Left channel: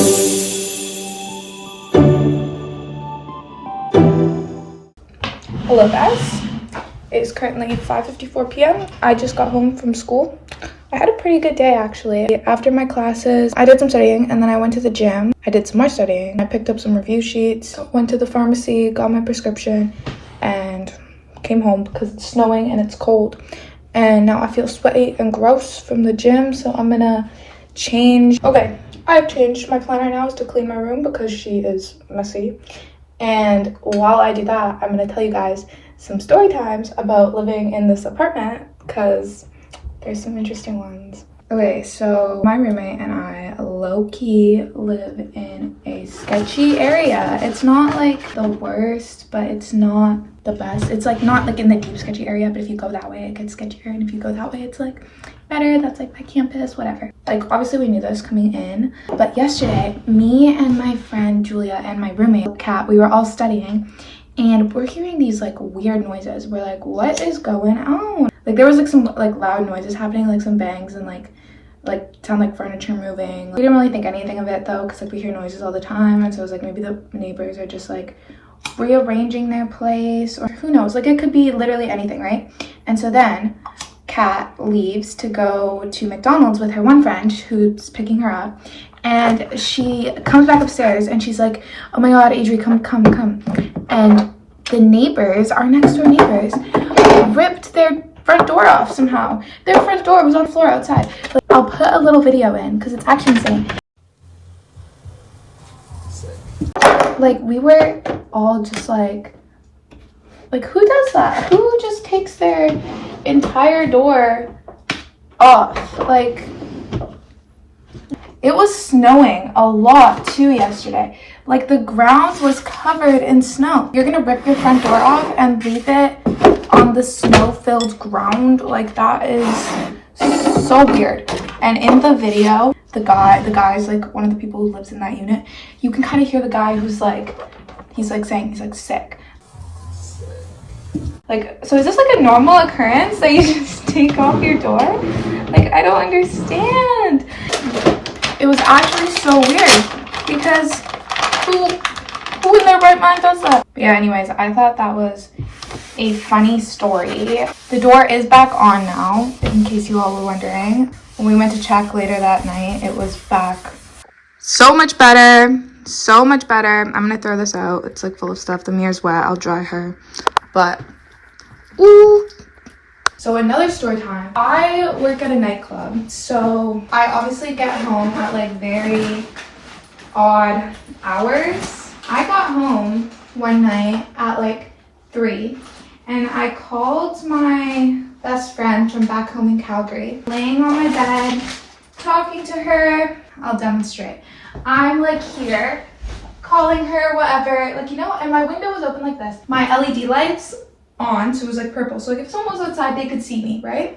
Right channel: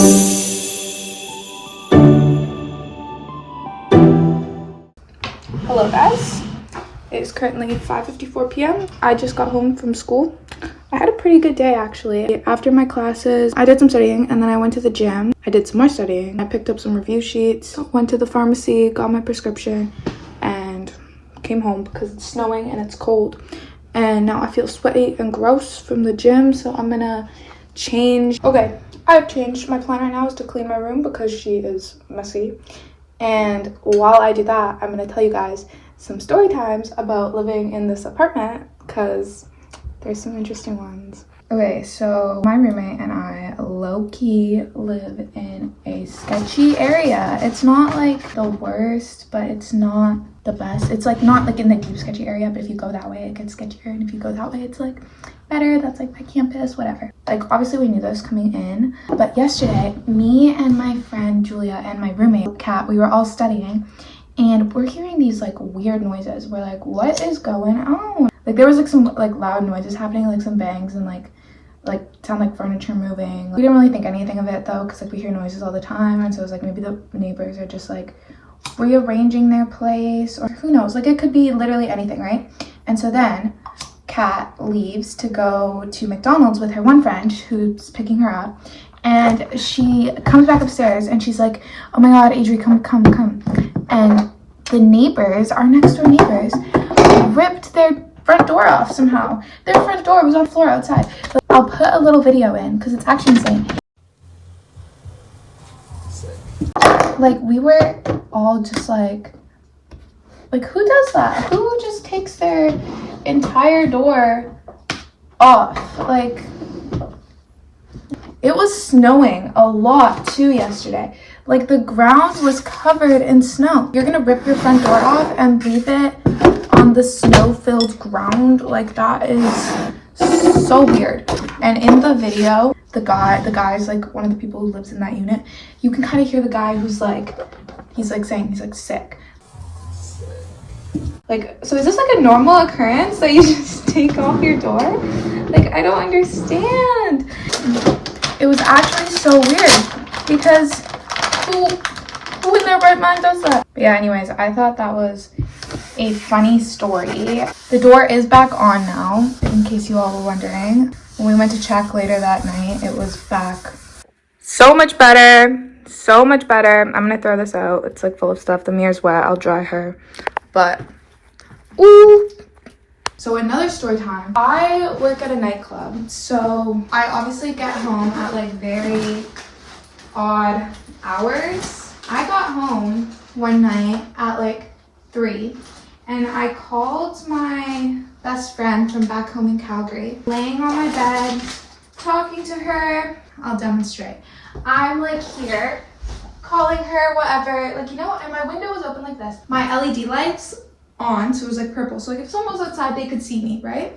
Hello guys, it is currently 5:54 p.m. I just got home from school. I had a pretty good day actually. After my classes, I did some studying and then I went to the gym. I did some more studying. I picked up some review sheets, went to the pharmacy, got my prescription, and came home because it's snowing and it's cold. And now I feel sweaty and gross from the gym, so I'm gonna change. Okay, I have changed. My plan right now is to clean my room because she is messy. And while I do that, I'm gonna tell you guys some story times about living in this apartment because there's some interesting ones. Okay, so my roommate and I low-key live in a sketchy area. It's not like the worst, but it's not the best. It's like not like in the deep sketchy area, but if you go that way, it gets sketchier. And if you go that way, it's like better. That's like my campus, whatever. Like obviously we knew this coming in, but yesterday, me and my friend Julia and my roommate Kat, we were all studying and we're hearing these like weird noises. We're like, what is going on? Like there was like some like loud noises happening, like some bangs and like sound like furniture moving. We didn't really think anything of it though, because like we hear noises all the time, and so it was like maybe the neighbors are just like rearranging their place, or who knows, like it could be literally anything, right? And so then Kat leaves to go to McDonald's with her one friend who's picking her up, and she comes back upstairs and she's like, oh my god, Adri, come. And the neighbors, our next door neighbors, ripped their front door off somehow. Their front door was on the floor outside. Like, I'll put a little video in because it's actually insane. Like we were all just like who does that? Who just takes their entire door off? Like it was snowing a lot too yesterday. Like the ground was covered in snow. You're gonna rip your front door off and leave it on the snow-filled ground? Like that is so weird. And in the video, the guy's like one of the people who lives in that unit. You can kind of hear the guy who's like, he's like saying he's like sick. Like, so is this like a normal occurrence that you just take off your door? Like, I don't understand. It was actually so weird because who in their right mind does that? But yeah, anyways, I thought that was a funny story. The door is back on now, in case you all were wondering. When we went to check later that night, it was back. So much better. So much better. I'm gonna throw this out. It's like full of stuff. The mirror's wet. I'll dry her. But, ooh. So another story time. I work at a nightclub. So I obviously get home at like very odd hours. I got home one night at like 3. And I called my best friend from back home in Calgary, laying on my bed, talking to her. I'll demonstrate. I'm like here, calling her, whatever. Like, you know, and my window was open like this. My LED lights on, so it was like purple. So like if someone was outside, they could see me, right?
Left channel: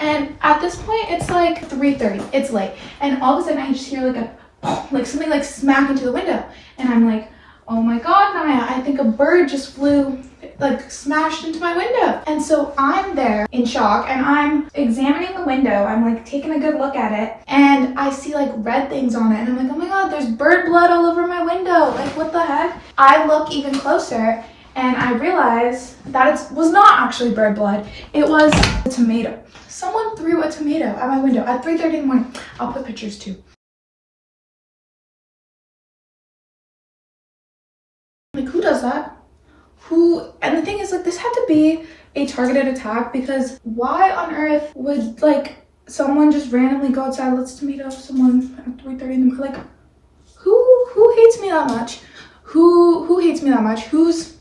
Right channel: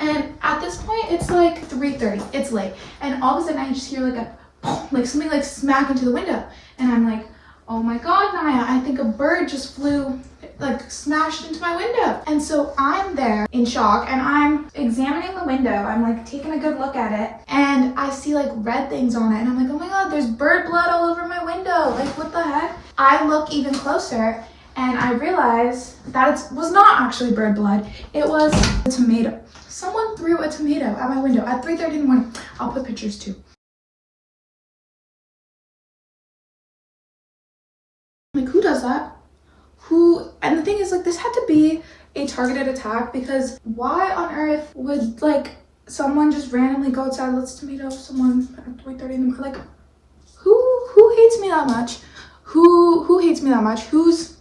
And at this point, it's like 3:30. It's late. And all of a sudden, I just hear like something like smack into the window. And I'm like, oh my god, Naya, I think a bird just flew, like smashed into my window. And so I'm there in shock and I'm examining the window. I'm like taking a good look at it and I see like red things on it and I'm like, oh my god, there's bird blood all over my window. Like what the heck? I look even closer and I realize that it was not actually bird blood. It was a tomato. Someone threw a tomato at my window at 3:30 in the morning. I'll put pictures too. Like who does that? And the thing is, like, this had to be a targeted attack because why on earth would like someone just randomly go outside, let's tomato someone at 3:30 in the morning? Like who hates me that much? Who hates me that much? Who's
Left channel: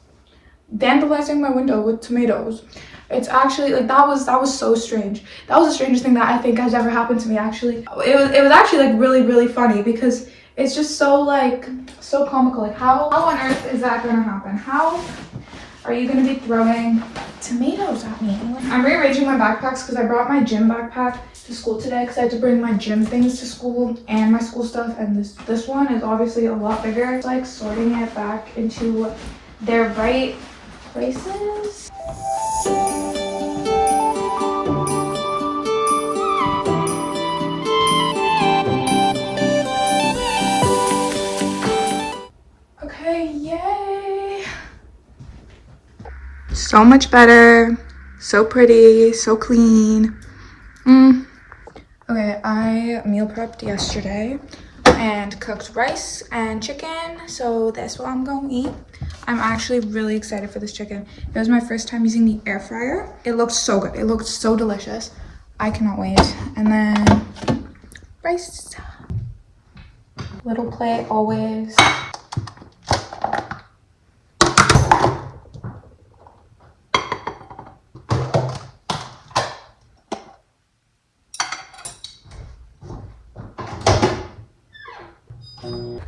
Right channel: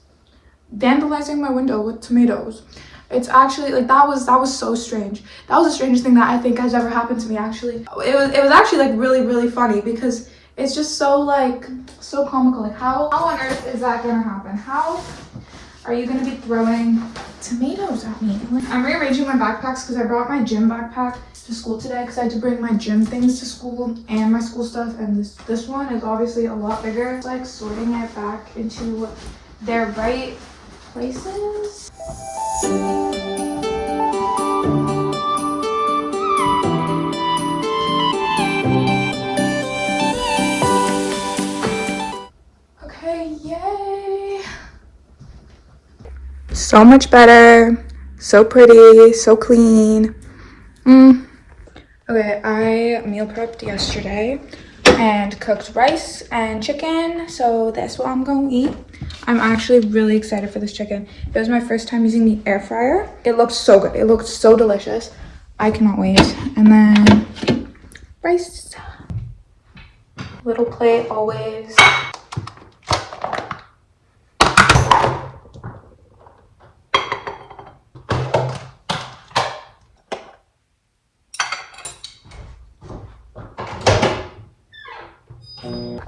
vandalizing my window with tomatoes? It's actually like that was so strange. That was the strangest thing that I think has ever happened to me. Actually, it was actually like really funny because it's just so like so comical. Like how on earth is that gonna happen? How are you gonna be throwing tomatoes at me? I'm rearranging my backpacks because I brought my gym backpack to school today because I had to bring my gym things to school and my school stuff, and this one is obviously a lot bigger. It's like sorting it back into their right places. So much better, so pretty, so clean. Okay, I meal prepped yesterday and cooked rice and chicken, so that's what I'm gonna eat. I'm actually really excited for this chicken. It was my first time using the air fryer. It looked so good. It looked so delicious. I cannot wait. And then rice. Little plate always.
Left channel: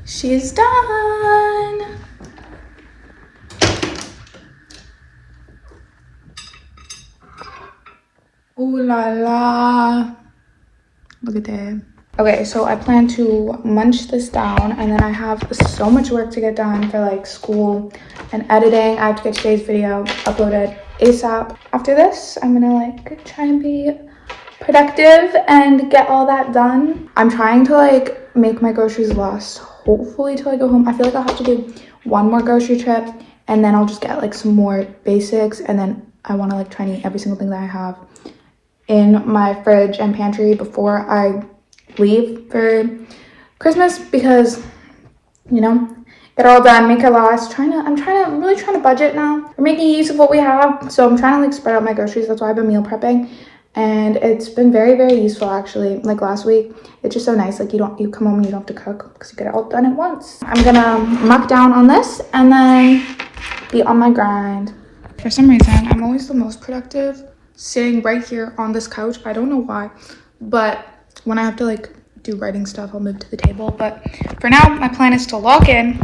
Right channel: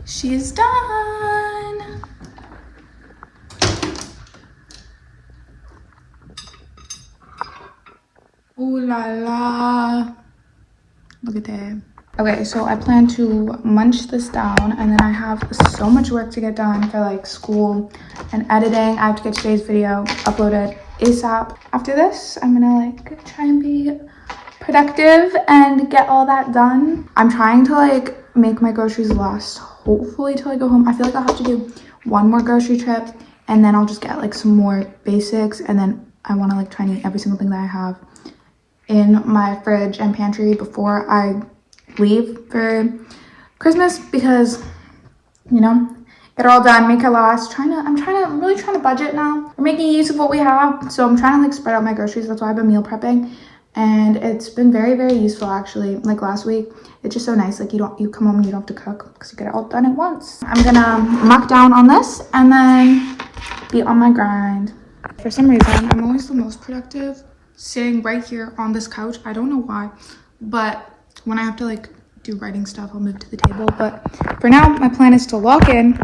She's done. Ooh la la. Look at that. Okay, so I plan to munch this down, and then I have so much work to get done for like school and editing. I have to get today's video uploaded ASAP. After this, I'm gonna like try and be productive and get all that done. I'm trying to like make my groceries last hopefully till I go home. I feel like I'll have to do one more grocery trip, and then I'll just get like some more basics, and then I want to like try and eat every single thing that I have in my fridge and pantry before I leave for Christmas, because you know, get it all done, make it last. I'm really trying to budget now. We're making use of what we have, so I'm trying to like spread out my groceries. That's why I've been meal prepping, and it's been very, very useful actually. Like last week, it's just so nice. Like you come home and you don't have to cook because you get it all done at once. I'm gonna muck down on this and then be on my grind. For some reason, I'm always the most productive sitting right here on this couch. I don't know why, but when I have to like do writing stuff, I'll move to the table. But for now, my plan is to log in,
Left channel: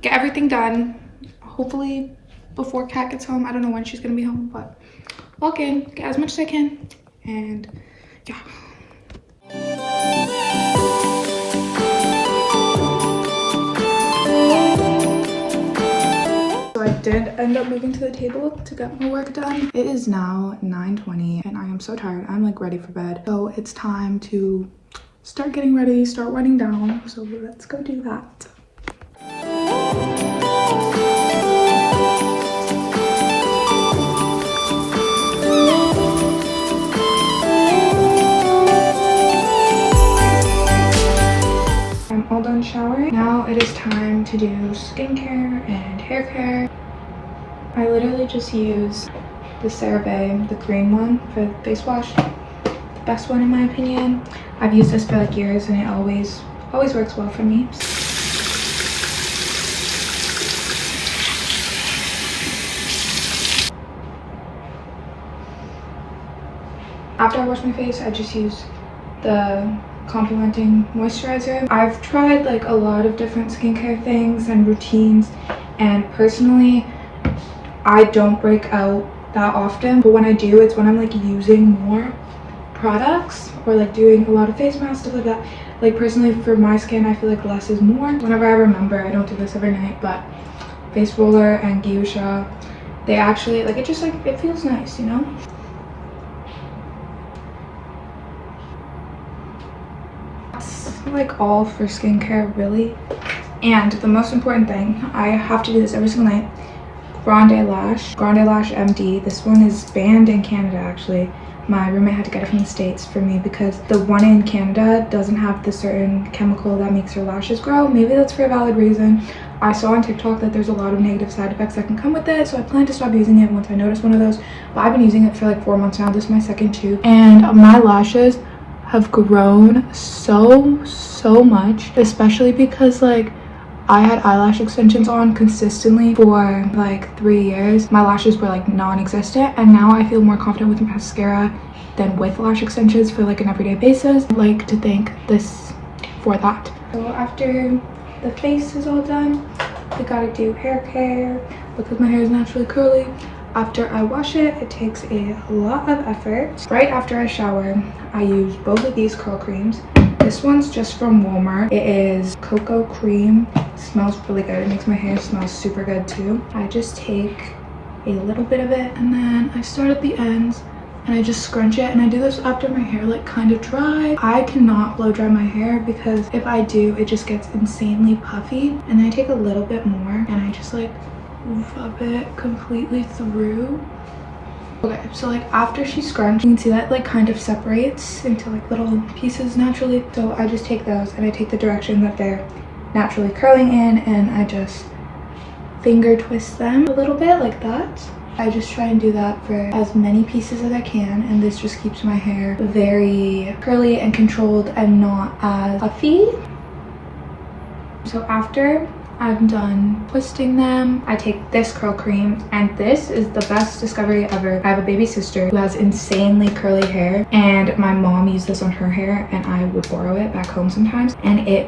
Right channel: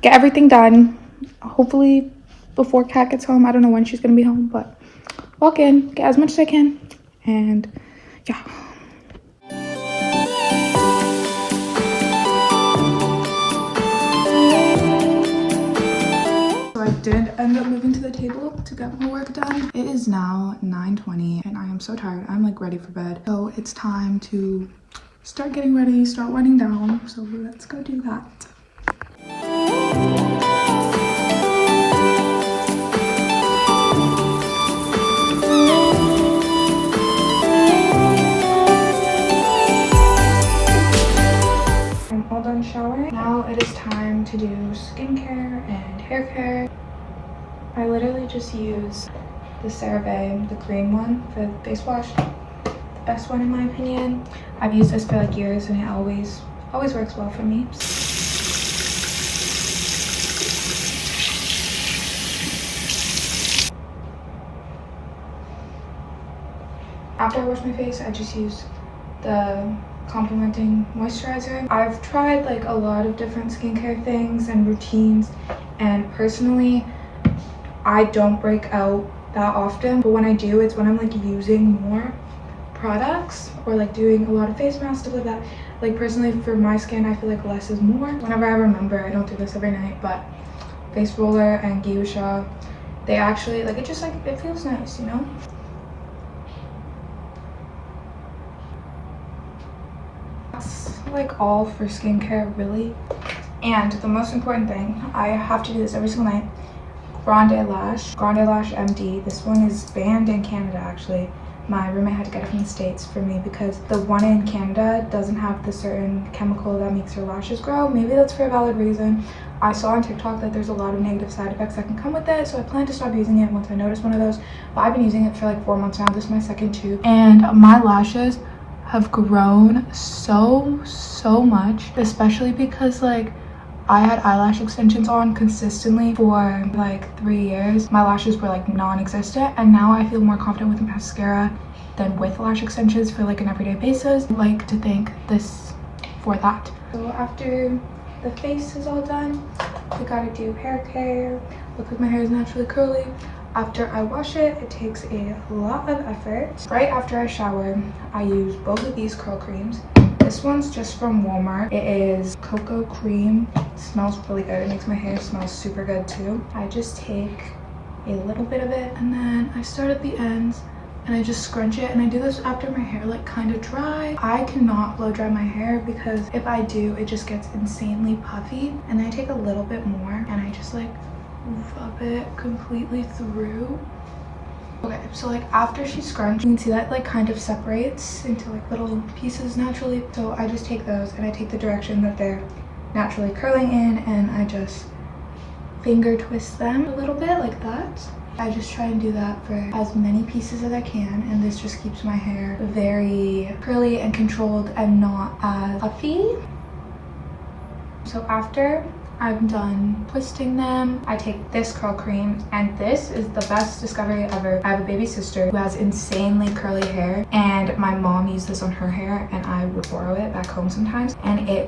get everything done, hopefully before Kat gets home. I don't know when she's gonna be home, but log in, get as much as I can, and yeah. So I did end up moving to the table to get my work done. It is now 9:20 and I am so tired. I'm like ready for bed. So it's time to start getting ready, start writing down. So let's go do that. I'm all done showering. Now it is time to do skincare and hair care. I literally just use the CeraVe, the green one for the face wash. The best one in my opinion. I've used this for like years and it always works well for me. After I wash my face, I just use the complementing moisturizer. I've tried like a lot of different skincare things and routines, and personally I don't break out that often, but when I do, it's when I'm like using more products or like doing a lot of face masks, stuff like that. Like personally for my skin, I feel like less is more. Whenever I remember, I don't do this every night, but face roller and Geisha, they actually like, it just like, it feels nice, you know? That's like all for skincare really. And the most important thing, I have to do this every single night, Grande Lash MD. This one is banned in Canada actually. My roommate had to get it from the States for me because the one in Canada doesn't have the certain chemical that makes your lashes grow. Maybe that's for a valid reason. I saw on TikTok that there's a lot of negative side effects that can come with it, so I plan to stop using it once I notice one of those. But I've been using it for like 4 months now. This is my second tube, and my lashes have grown so much, especially because like I had eyelash extensions on consistently for like 3 years. My lashes were like non-existent, and now I feel more confident with mascara than with lash extensions for like an everyday basis. I like to thank this for that. So after the face is all done, we gotta do hair care because my hair is naturally curly. After I wash it, it takes a lot of effort. Right after I shower, I use both of these curl creams. This one's just from Walmart. It is cocoa cream. It smells really good. It makes my hair smell super good too. I just take a little bit of it and then I start at the ends and I just scrunch it, and I do this after my hair like kind of dry. I cannot blow dry my hair because if I do, it just gets insanely puffy, and then I take a little bit more and I just like rub it completely through. Okay, so like after she scrunched, you can see that like kind of separates into like little pieces naturally. So I just take those and I take the direction that they're naturally curling in, and I just finger twist them a little bit like that. I just try and do that for as many pieces as I can, and this just keeps my hair very curly and controlled and not as puffy. So after I'm done twisting them, I take this curl cream, and this is the best discovery ever. I have a baby sister who has insanely curly hair, and my mom used this on her hair, and I would borrow it back home sometimes, and it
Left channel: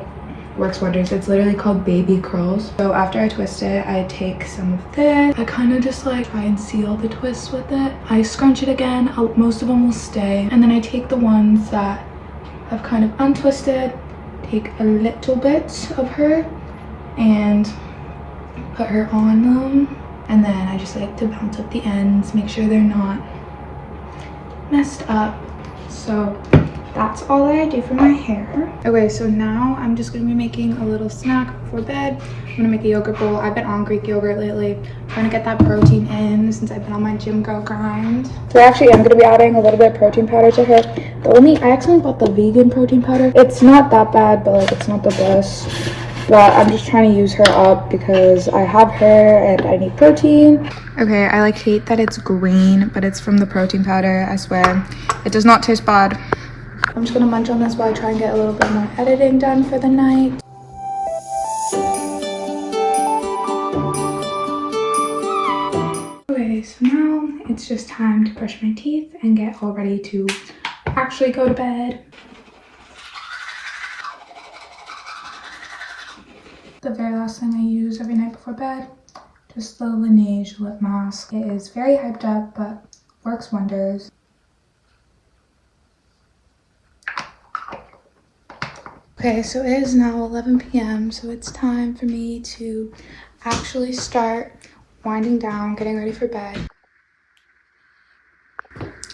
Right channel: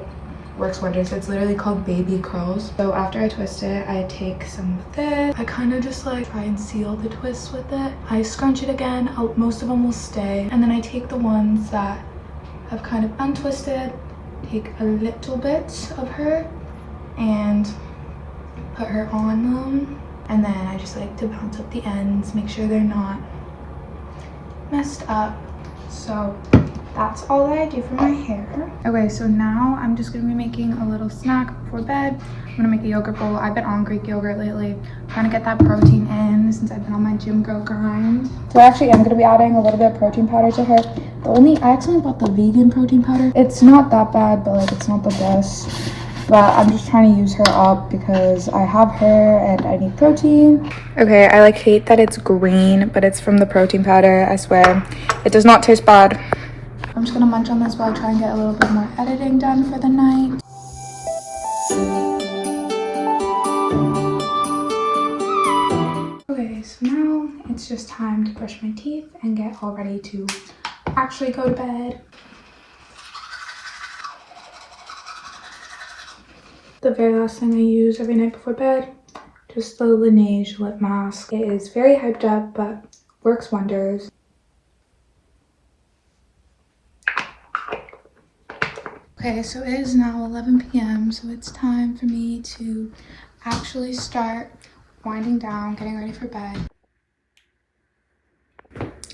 works wonders. It's literally called baby curls. So after I twist it, I take some of this. I kind of just like try and seal the twists with it. I scrunch it again. Most of them will stay, and then I take the ones that have kind of untwisted, take a little bit of her and put her on them, and then I just like to bounce up the ends, make sure they're not messed up. So that's all that I do for my hair. Okay, so now I'm just gonna be making a little snack before bed. I'm gonna make a yogurt bowl. I've been on Greek yogurt lately, trying to get that protein in since I've been on my gym girl grind. So I actually am gonna be adding a little bit of protein powder to her. I accidentally bought the vegan protein powder. It's not that bad, but like it's not the best. But I'm just trying to use her up because I have her and I need protein. Okay, I like hate that it's green, but it's from the protein powder, I swear. It does not taste bad. I'm just gonna munch on this while I try and get a little bit more editing done for the night. Okay, so now it's just time to brush my teeth and get all ready to actually go to bed. The very last thing I use every night before bed, just the Laneige lip mask. It is very hyped up, but works wonders. Okay, so it is now 11 p.m, so it's time for me to actually start winding down, getting ready for bed.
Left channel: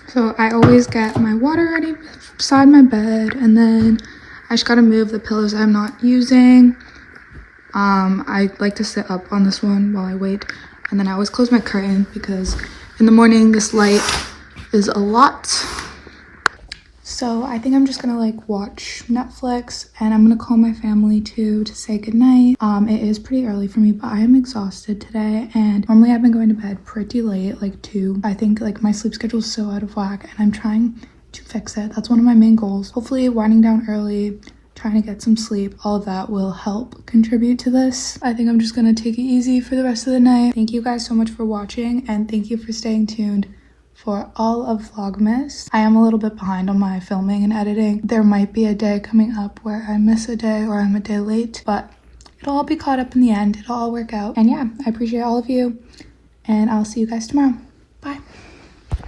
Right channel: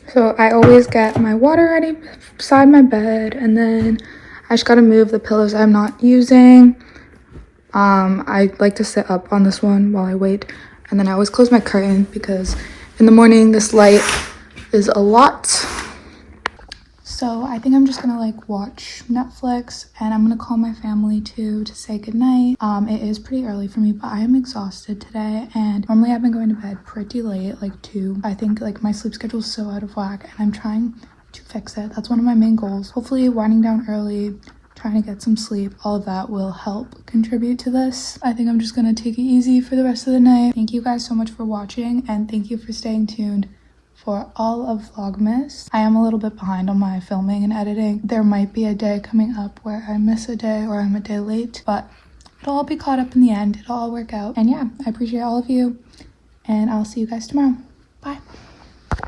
So I always get my water ready beside my bed, and then I just gotta move the pillows I'm not using. I like to sit up on this one while I wait, and then I always close my curtain because in the morning this light is a lot. So I think I'm just gonna like watch Netflix, and I'm gonna call my family too to say goodnight. It is pretty early for me, but I am exhausted today, and normally I've been going to bed pretty late, like 2. I think like my sleep schedule is so out of whack, and I'm trying to fix it. That's one of my main goals. Hopefully winding down early, trying to get some sleep, all of that will help contribute to this. I think I'm just gonna take it easy for the rest of the night. Thank you guys so much for watching, and thank you for staying tuned for all of Vlogmas. I am a little bit behind on my filming and editing. There might be a day coming up where I miss a day or I'm a day late, but it'll all be caught up in the end. It'll all work out. And yeah, I appreciate all of you, and I'll see you guys tomorrow. Bye.